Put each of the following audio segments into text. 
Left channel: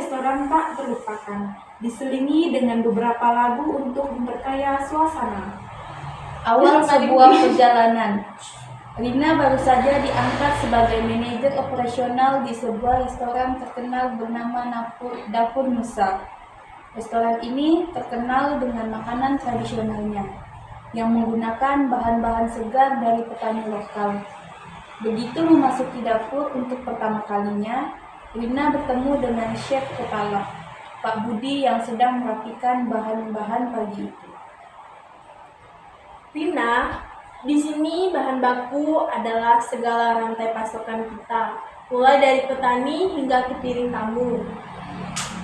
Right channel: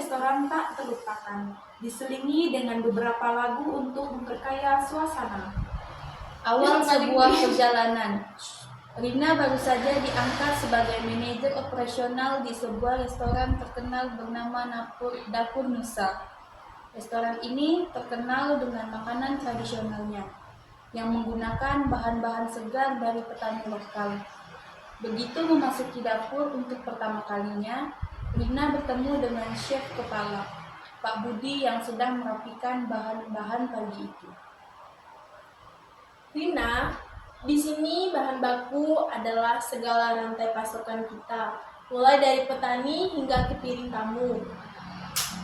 restoran tak terlupakan, diselingi dengan beberapa lagu untuk memperkaya suasana. Awal sebuah perjalanan. Rina baru saja diangkat sebagai manajer operasional di sebuah restoran terkenal bernama Dapur Nusa. Restoran ini terkenal dengan makanan tradisionalnya yang menggunakan bahan-bahan segar dari petani lokal. Begitu memasuki dapur untuk pertama kalinya, Rina bertemu dengan chef kepala, Pak Budi, yang sedang merapikan bahan-bahan pagi itu. Rina, di sini bahan baku adalah segala rantai pasokan kita, mulai dari petani hingga ke piring tamu.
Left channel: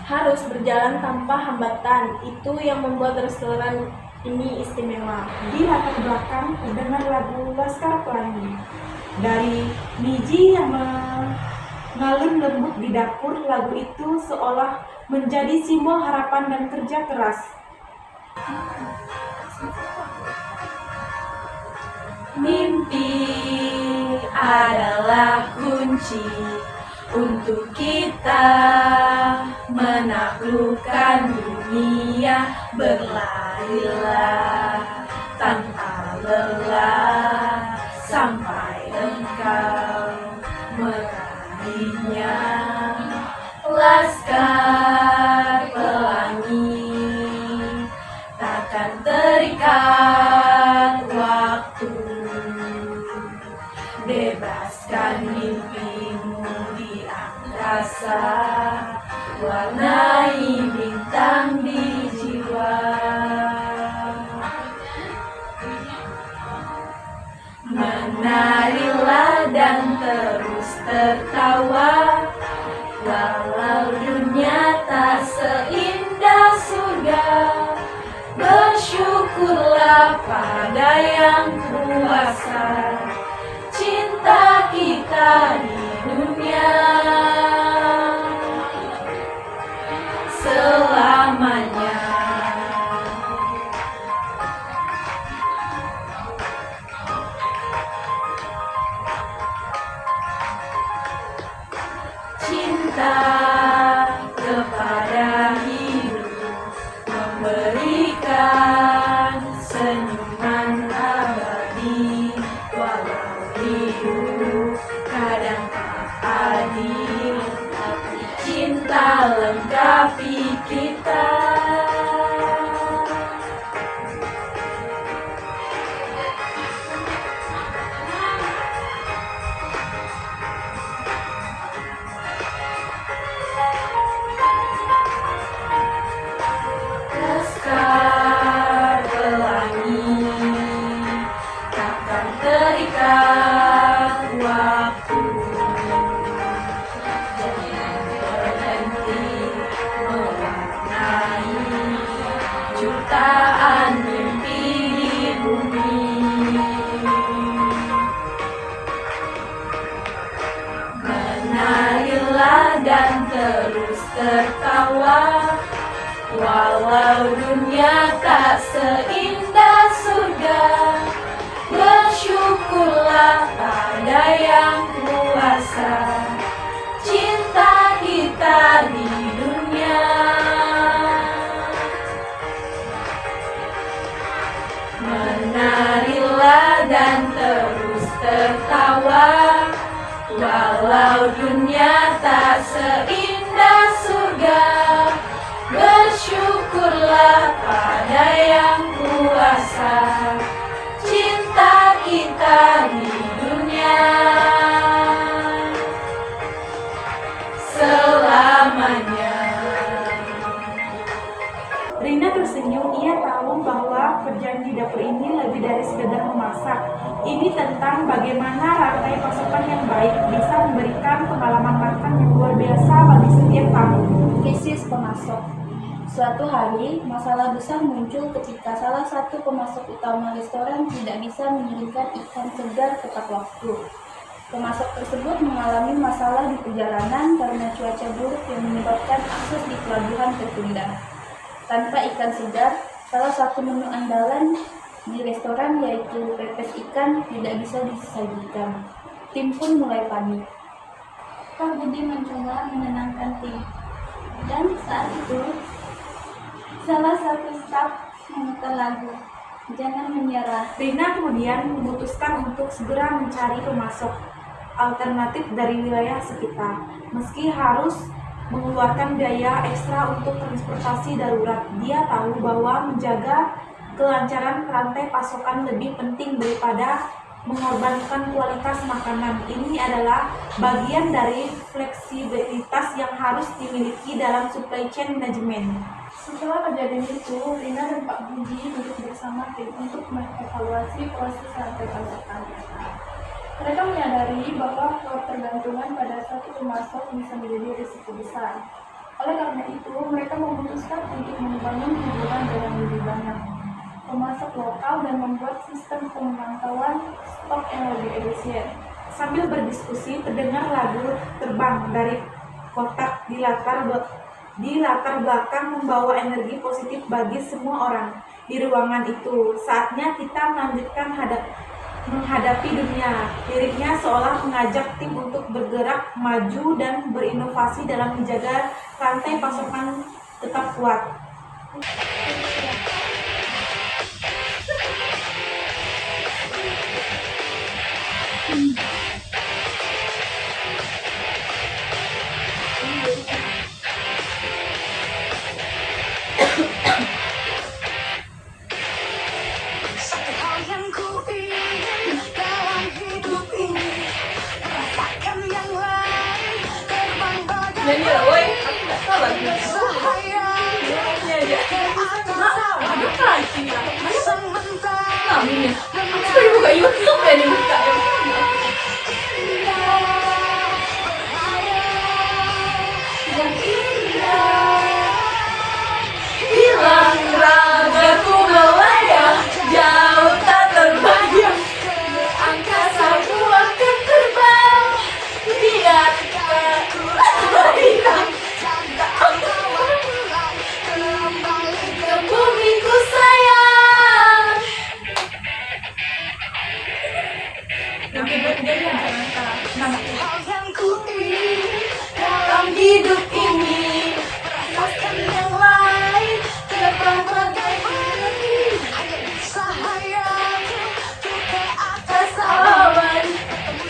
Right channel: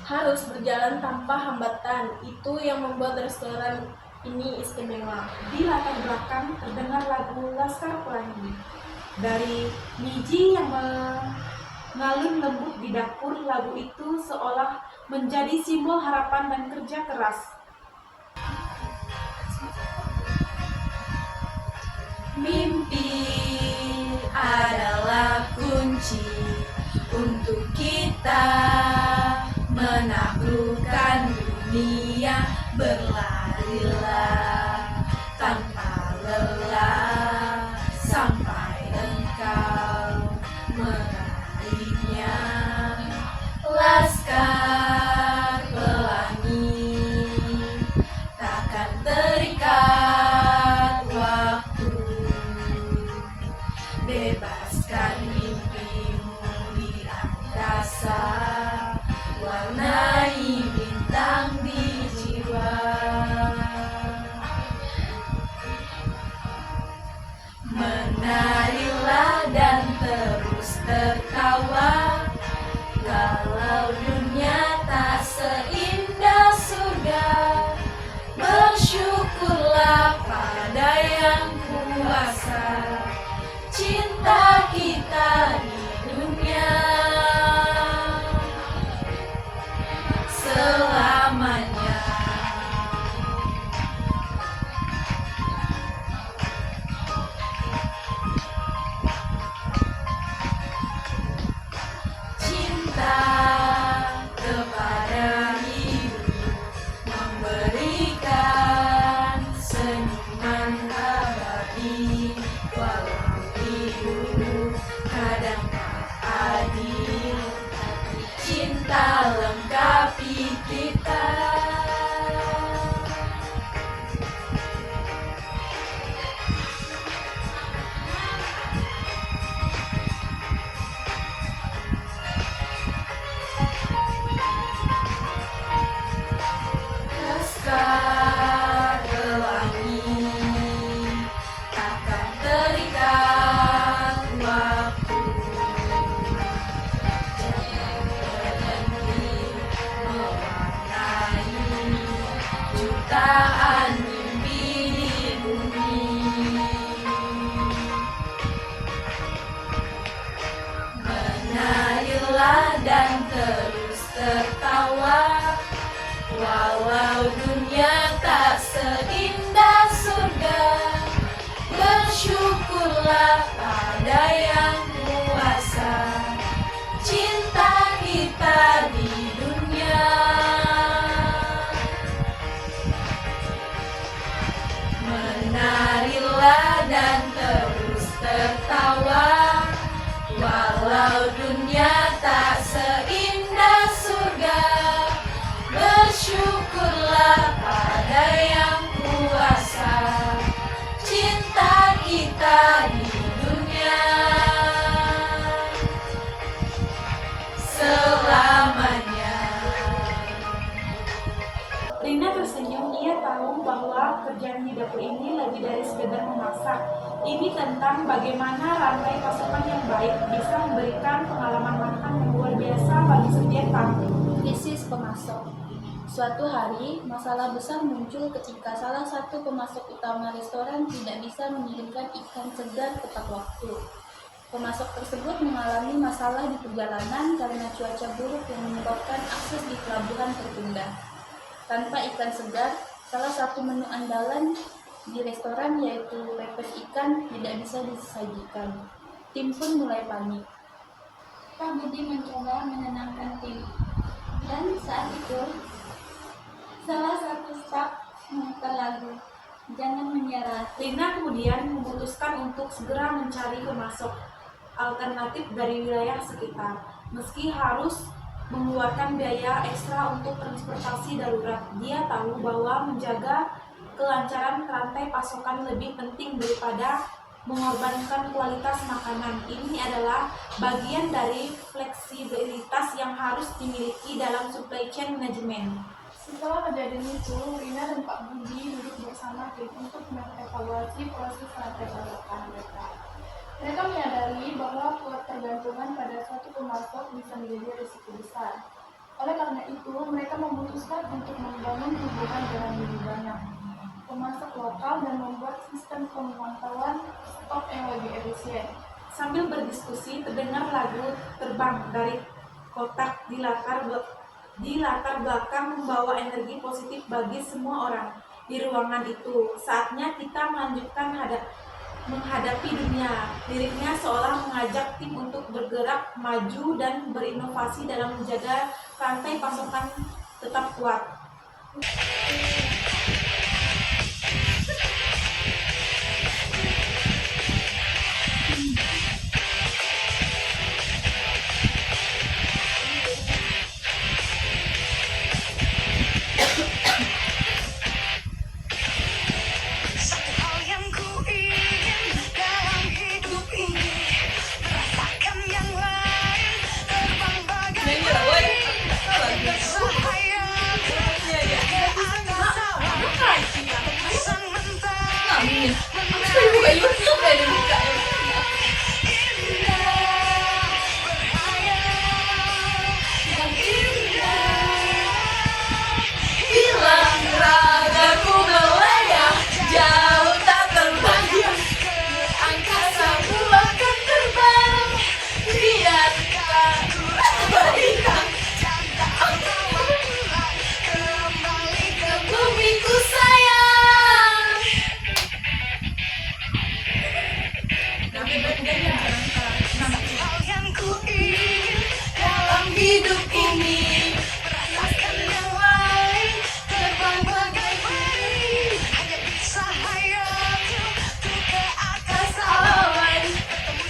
Harus berjalan tanpa hambatan, itu yang membuat restoran ini istimewa. Di latar belakang terdengar lagu Laskar Pelangi dari Niji yang mengalun lembut di dapur. Lagu itu seolah menjadi simbol harapan dan kerja keras. Mimpi adalah kunci untuk kita menaklukkan dunia. Berlarilah tanpa lelah sampai engkau meraihnya. Laskar Pelangi takkan terikat waktu. Bebaskan mimpimu di angkasa, warnai bintang di jiwa. Menarilah dan terus tertawa, walau dunia tak seindah surga. Bersyukurlah pada yang kuasa, cinta kita di dunia selamanya. Cinta kepada hidup, memberikan senyuman abadi. Walau hidup kadang tak adil, tapi cinta lengkapi kita. Laskar Pelangi takkan terikat waktu. Jangan berhenti mewarnai jutaan mimpi di bumi. Menarilah dan terus tertawa, walau dunia tak seindah surga. Bersyukurlah pada yang kuasa, cinta kita di dunia menarilah dan terus tertawa, walau dunia tak seindah surga. Bersyukurlah pada yang kuasa, cinta kita di dunia selamanya. Rina tersenyum, ia tahu bahwa kerjaan di dapur ini lebih dari sekedar memasak. Ini tentang bagaimana rantai pasokan yang baik bisa memberikan pengalaman makan yang luar biasa bagi setiap tamu. Krisis pemasok. Suatu hari, masalah besar muncul ketika salah satu pemasok utama restoran tidak bisa mengirimkan ikan segar tepat waktu. Pemasok tersebut mengalami masalah di perjalanan karena cuaca buruk yang menyebabkan akses di pelabuhan tertunda. Tanpa ikan segar, salah satu menu andalan di restoran yaitu pepes ikan tidak bisa disajikan. Tim pun mulai panik. Pak Budi mencoba menenangkan tim. Jangan menyerah. Rina kemudian memutuskan untuk segera mencari pemasok alternatif dari wilayah sekitar. Meski harus mengeluarkan biaya ekstra untuk transportasi darurat, dia tahu bahwa menjaga kelancaran rantai pasokan lebih penting daripada mengorbankan kualitas makanan. Ini adalah bagian dari fleksibilitas yang harus dimiliki dalam supply chain management. Setelah kejadian itu, Rina dan Pak Budi duduk bersama tim untuk mengevaluasi proses rantai pasokan mereka. Mereka menyadari bahwa ketergantungan pada satu pemasok bisa menjadi risiko besar. Oleh karena itu, mereka memutuskan untuk membangun hubungan dengan lebih banyak pemasok lokal dan membuat sistem pemantauan stok yang lebih efisien. Sambil berdiskusi, terdengar lagu terbang dari kotak di latar belakang membawa energi positif bagi semua orang di ruangan itu. Saatnya kita melanjutkan menghadapi dunia. Liriknya seolah mengajak tim untuk bergerak maju dan berinovasi dalam menjaga rantai pasokan tetap kuat. Satu hal yang ku ingin dalam hidup ini, rasakan yang lain, terbang bagai cahaya. Sang mentari Buka YouTube dan dibuka. yang indah. Hilang ragaku melayang, jauh tak terbayang. Angkasa ku akan terbang, biarkan bintang Kembali ke bumi ku sayang. hal yang ku ingin Dalam hidup ini, rasakan yang lain, terbang bagai burung hanya bisa hayaku tuh ke atas awan,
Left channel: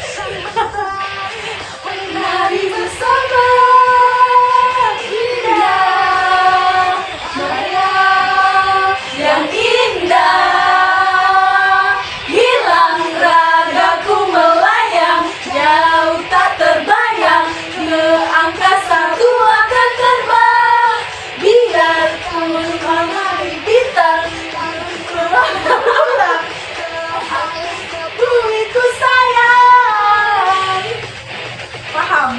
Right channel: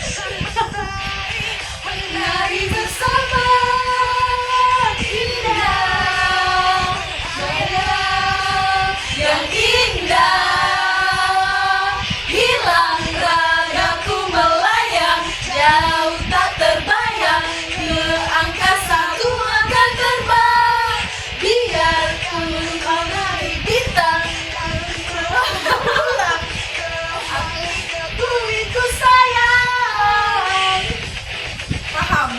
sang mentari menari bersama. Indah, maya yang indah. Hilang ragaku melayang, jauh tak terbayang. Ke angkasa ku akan terbang, biarpun menari bintang pulang. Bumi ku sayang. Paham?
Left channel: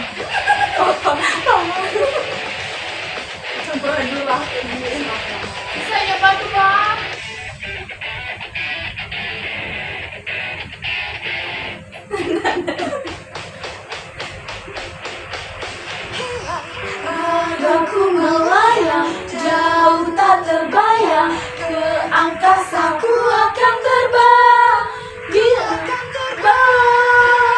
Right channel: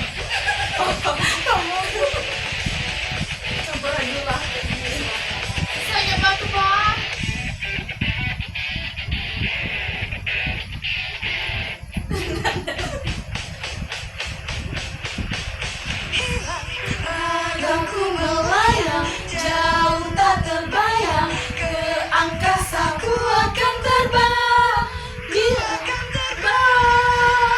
Coba dulu lah. Saya bantu bang. Ragaku melayang, jauh tak terbayang. Ke angkasa ku akan terbang, dia akan terbang.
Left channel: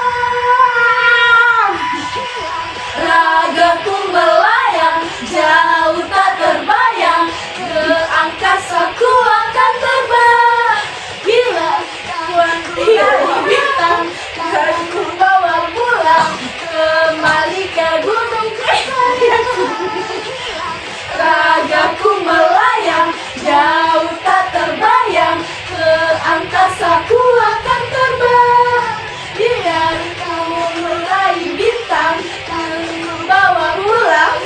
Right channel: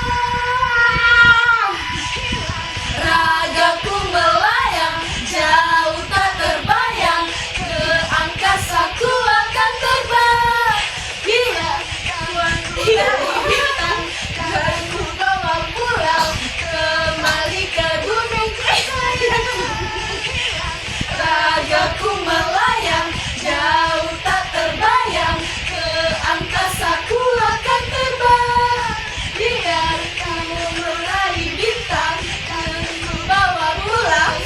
Ragaku melayang, jauh tak terbayang. Ke angkasa ku akan terbang, bila kuat dari bintang dan ku bawa pulang kembali ke gunung kesayanganku. Ragaku melayang, jauh tak terbayang. Ke angkasa ku akan terbang, biar ku meraih bintang dan ku bawa pulang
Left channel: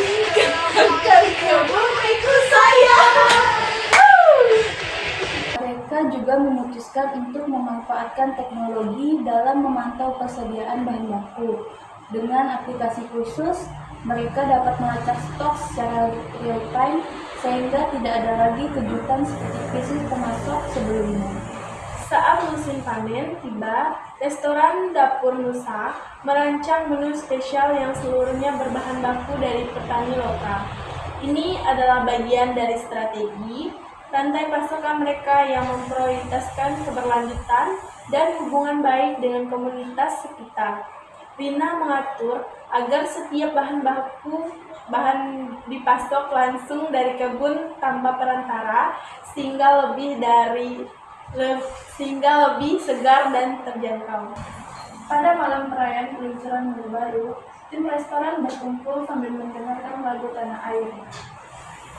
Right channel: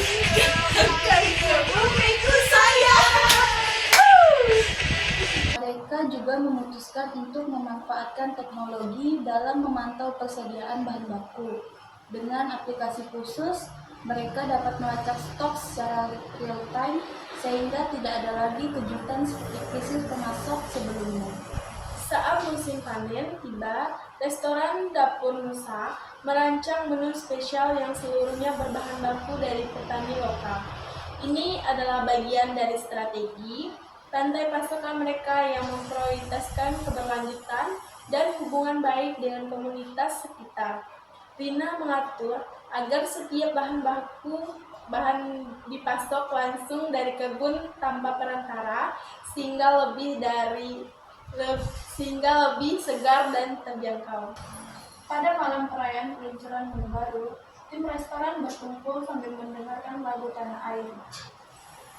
kembali ke bumi ku sayang. Mereka juga memutuskan untuk memanfaatkan teknologi dalam memantau persediaan bahan baku. Dengan aplikasi khusus, mereka dapat melacak stok secara real time sehingga tidak ada lagi kejutan seperti krisis pemasok sebelumnya. Saat musim panen tiba, restoran Dapur Nusa merancang menu spesial yang seluruhnya berbahan baku dari petani lokal. Ini adalah bagian dari strategi rantai pasokan mereka yang memprioritaskan keberlanjutan dan hubungan baik dengan komunitas sekitar. Rina mengatur agar setiap bahan baku bahan dipasok langsung dari kebun tanpa perantara sehingga lebih segar dan terjangkau. Pada malam perayaan peluncuran menu baru, tim restoran berkumpul sambil mendengarkan lagu Tanah Air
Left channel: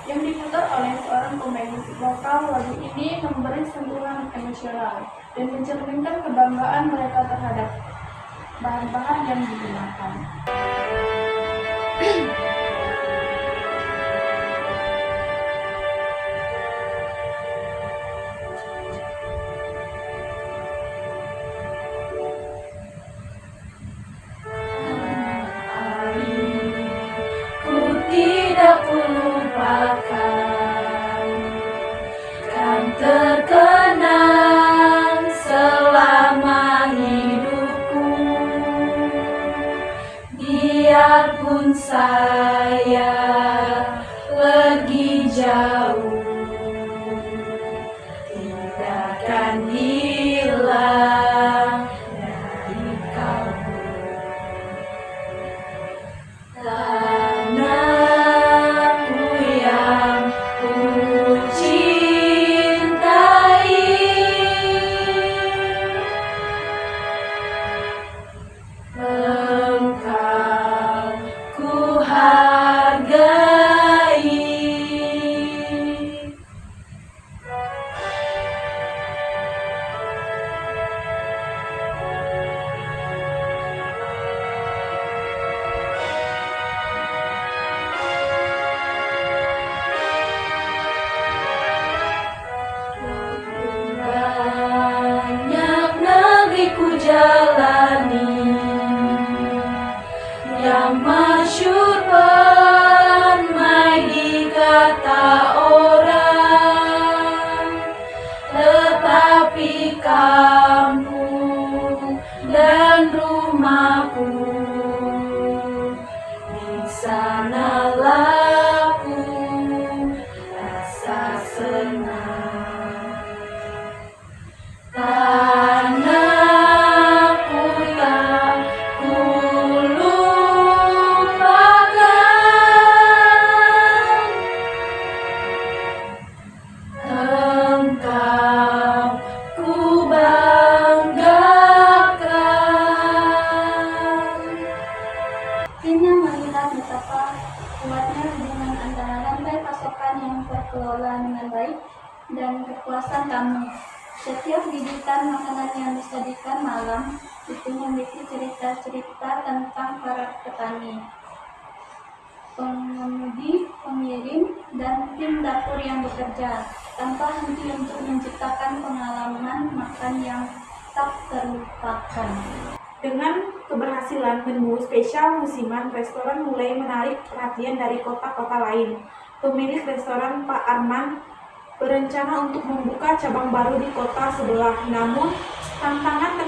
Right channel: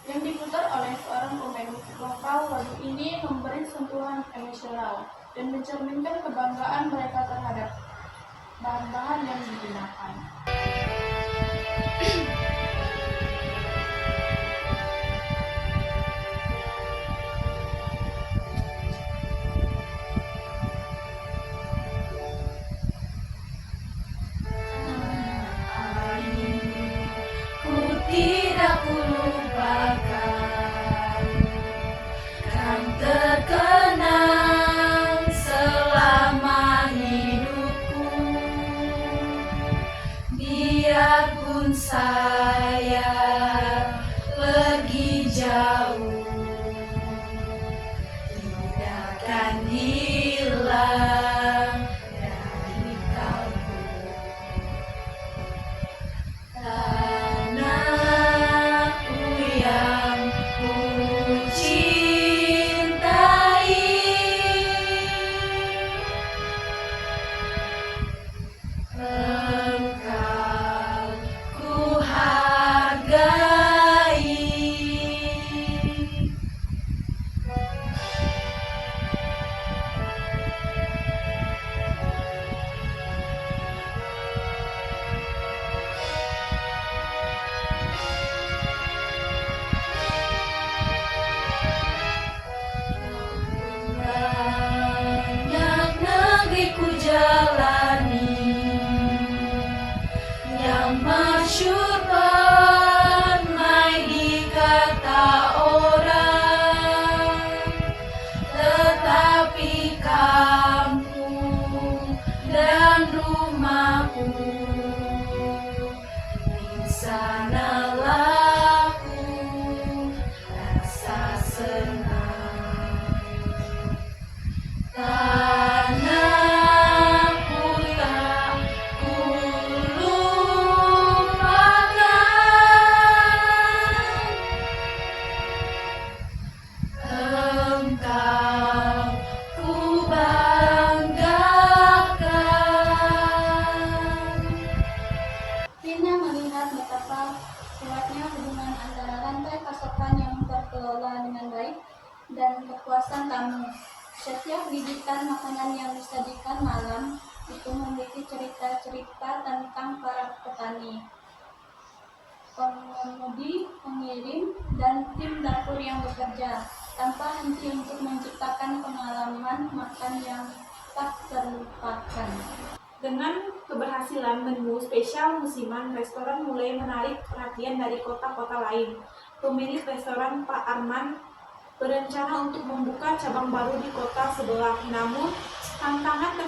yang diputar oleh seorang pemain musik lokal. Lagu ini memberi sentuhan emosional dan mencerminkan kebanggaan mereka terhadap bahan-bahan yang digunakan. Ku tidak kulupakan, kan terkenang selama hidupku. Biarpun saya pergi jauh, tidak akan hilang dari kamu. Tanahku yang ku cintai, engkau ku hargai. Banyak negeri ku jalani, yang masyhur permai di kata orang, tetapi kampung dan rumahku, di sanalah ku rasa senang. Tanahku tak ku lupakan, engkau ku banggakan. Rina melihat betapa kuatnya hubungan antara rantai pasokan yang terkelola dengan baik dan kepuasan tamu. Setiap gigitan makanan yang disajikan malam itu memiliki cerita-cerita tentang para petani, pengemudi, pengirim, dan tim dapur yang bekerja tanpa henti untuk menciptakan pengalaman makan yang tak terlupakan. Dengan keberhasilan menu spesial musiman, restoran mulai menarik perhatian dari kota-kota lain. Pemilik restoran, Pak Arman, berencana untuk membuka cabang baru di kota sebelah. Namun, tantangan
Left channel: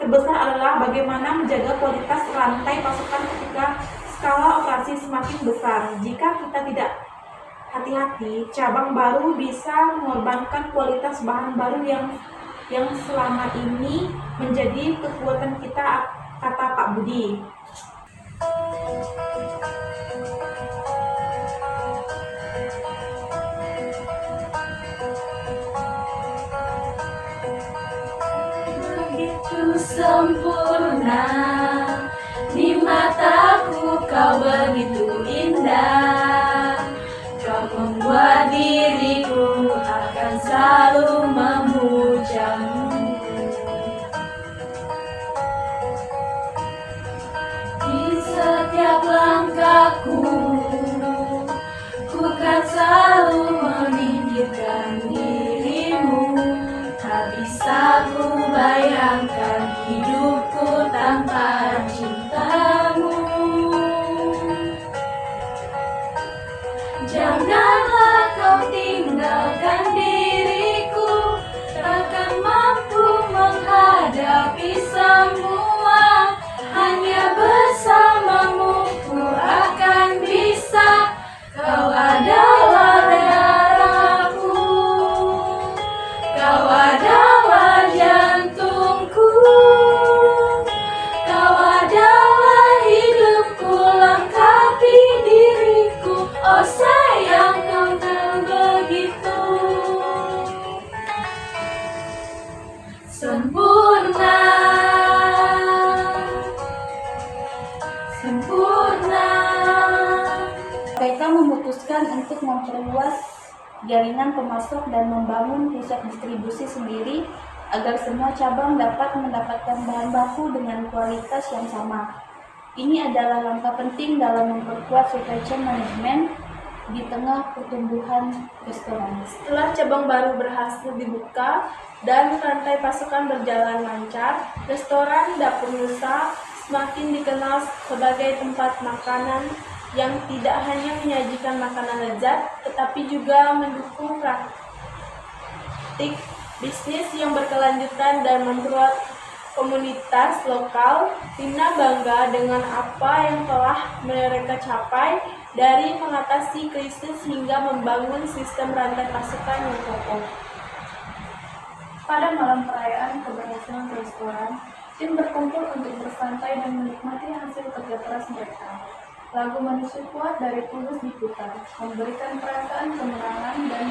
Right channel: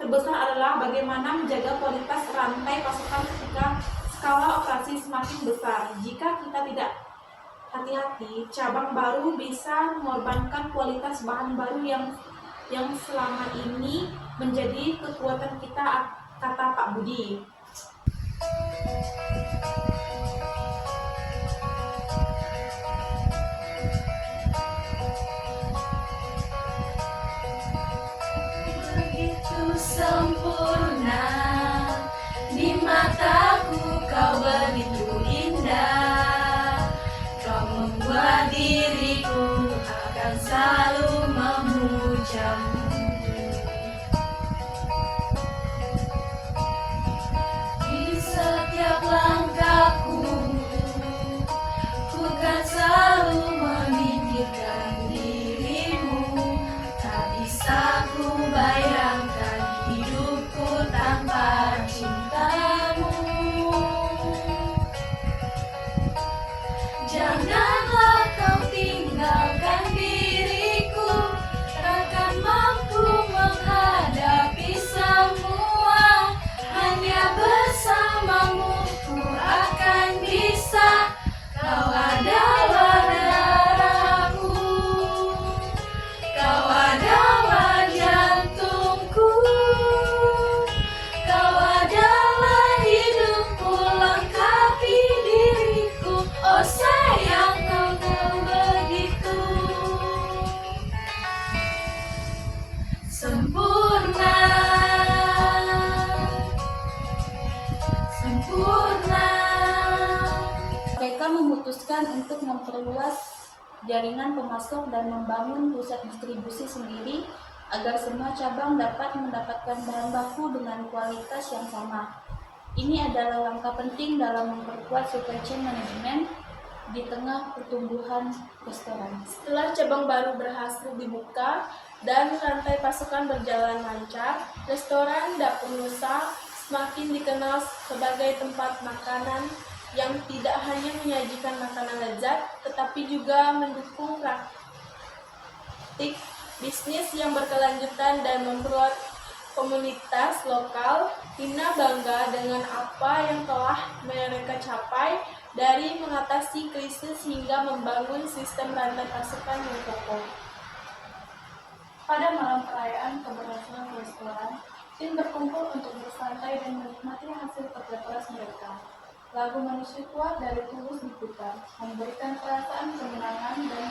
terbesar adalah bagaimana menjaga kualitas rantai pasokan ketika skala operasi semakin besar. Jika kita tidak hati-hati, cabang baru bisa mengorbankan kualitas bahan baru yang selama ini menjadi kekuatan kita, kata Pak Budi. Begitu sempurna di mataku, kau begitu indah. Kau membuat diriku akan selalu memujamu. Di setiap langkahku, ku kan selalu memikirkan dirimu. Tak bisa ku bayangkan hidupku tanpa cintamu. memutuskan untuk memperluas jaringan pemasok dan membangun pusat distribusi sendiri agar semua cabang dapat mendapatkan bahan baku dengan kualitas yang sama. Ini adalah langkah penting dalam memperkuat supply chain management di tengah pertumbuhan restoran. Setelah cabang baru berhasil dibuka dan rantai pasokan berjalan lancar, restoran Dapur Nusa semakin dikenal sebagai tempat makanan yang tidak hanya menyajikan makanan lezat, tetapi juga mendukung praktik bisnis yang berkelanjutan dan membuat komunitas lokal. Rina bangga dengan apa yang telah mereka capai, dari mengatasi krisis hingga membangun sistem rantai pasokan yang kokoh. Pada malam perayaan keberhasilan restoran, tim berkumpul untuk bersantai dan menikmati hasil kerja keras mereka. Lagu Manusia Kuat dari Tulus diputar, memberikan perasaan kemenangan dan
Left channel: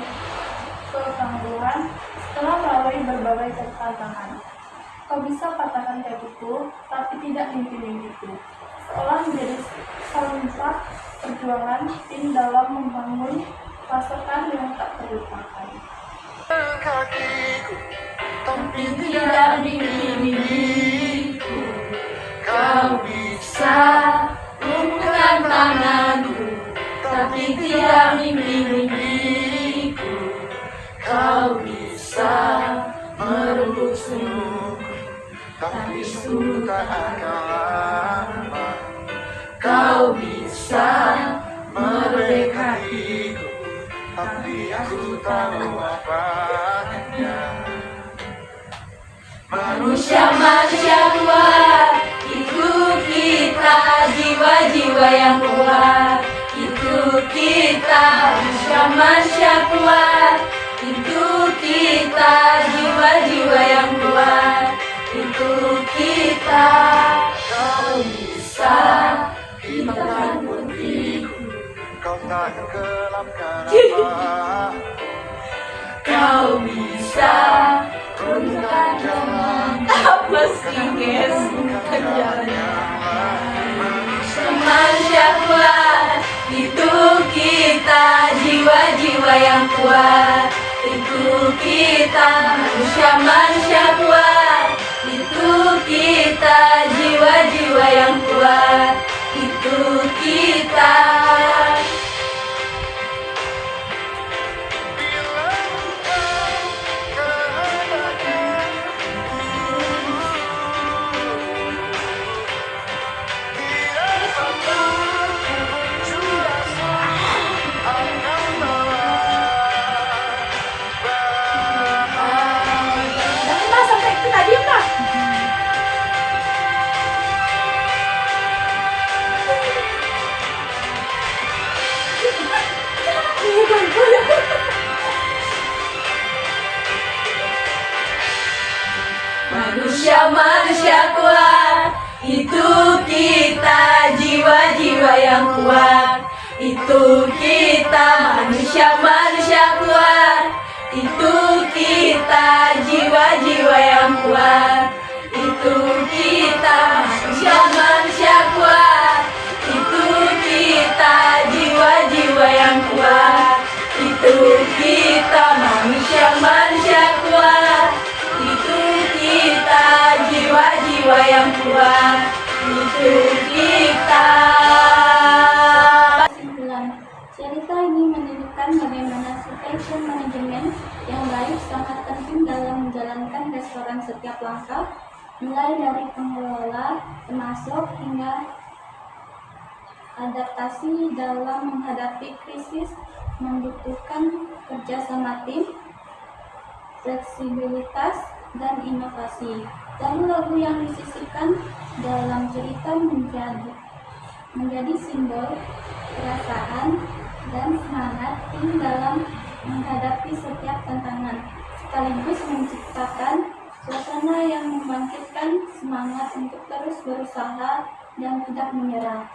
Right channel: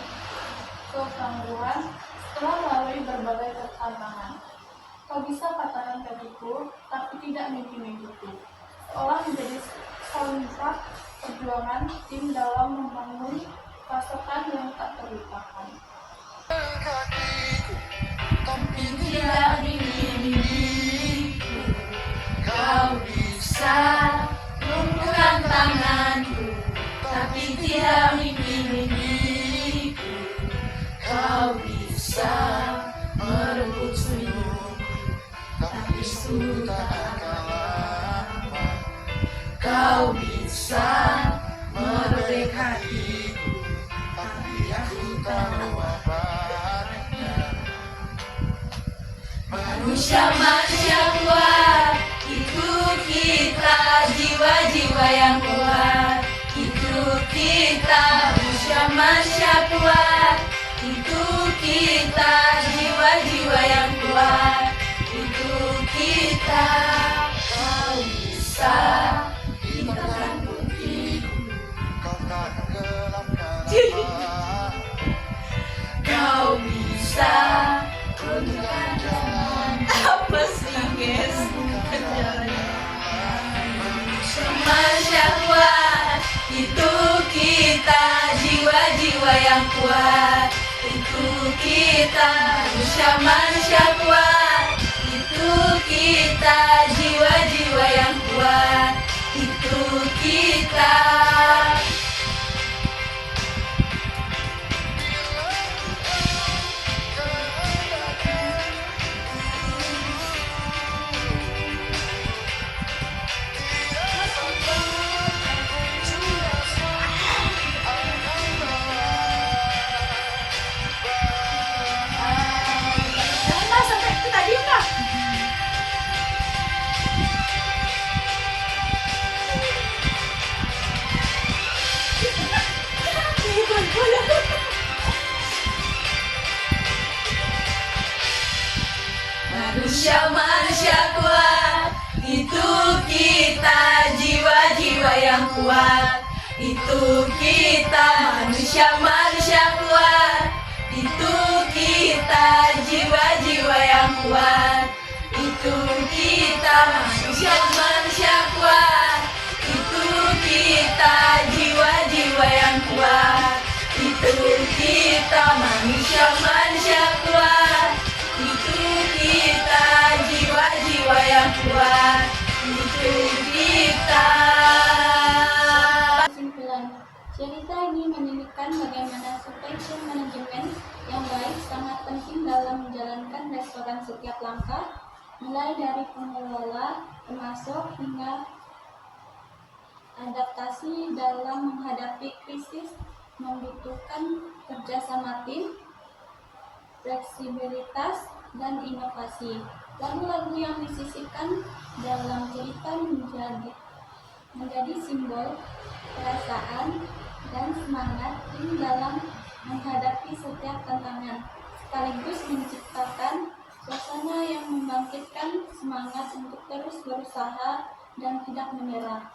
ketangguhan setelah melalui berbagai tantangan. Kau bisa patahkan kakiku, tapi tidak mimpi-mimpiku. Seolah menjadi soundtrack perjuangan tim dalam membangun pasokan yang tak terlupakan. Kakiku, tapi tidak mimpi-mimpiku. Kau bisa lumpuhkan tanganku, tapi tidak mimpi-mimpiku. Kau bisa merebut senyumku, tapi sungguh tak akan lama. Kau bisa merobek hatiku, tapi aku tahu apanya. Manusia-manusia kuat, itu kita, jiwa-jiwa yang kuat. Itu kita, manusia-manusia kuat. Itu kita, jiwa-jiwa yang kuat. Itu kita. Kau bisa, kita kan buktiku. Kau tak gelapkan apa. Kau bisa tunjukkan jalan. Apa sih guys? Manusia kuat, itu kita, jiwa-jiwa yang kuat. Itu kita, manusia-manusia kuat. Itu kita, jiwa-jiwa yang kuat. Itu kita. Manusia-manusia kuat, itu kita, jiwa-jiwa yang kuat. Itu kita, manusia-manusia kuat. Itu kita, jiwa-jiwa yang kuat. Itu kita, manusia-manusia kuat. Itu kita, jiwa-jiwa yang kuat. Itu kita, manusia-manusia kuat. Itu kita, jiwa-jiwa yang kuat. Itu kita. Kesimpulan, cerita ini menunjukkan bagaimana supply chain manajemen yang baik sangat penting dalam menjalankan restoran setiap langkah, mulai dari pengelola, pemasok, hingga adaptasi dalam menghadapi krisis membutuhkan kerjasama tim, fleksibilitas, dan inovasi. Lagu-lagu yang disisipkan dalam cerita menjadi simbol perasaan dan semangat tim dalam menghadapi setiap tantangan, sekaligus menciptakan suasana yang membangkitkan semangat untuk terus berusaha dan tidak menyerah.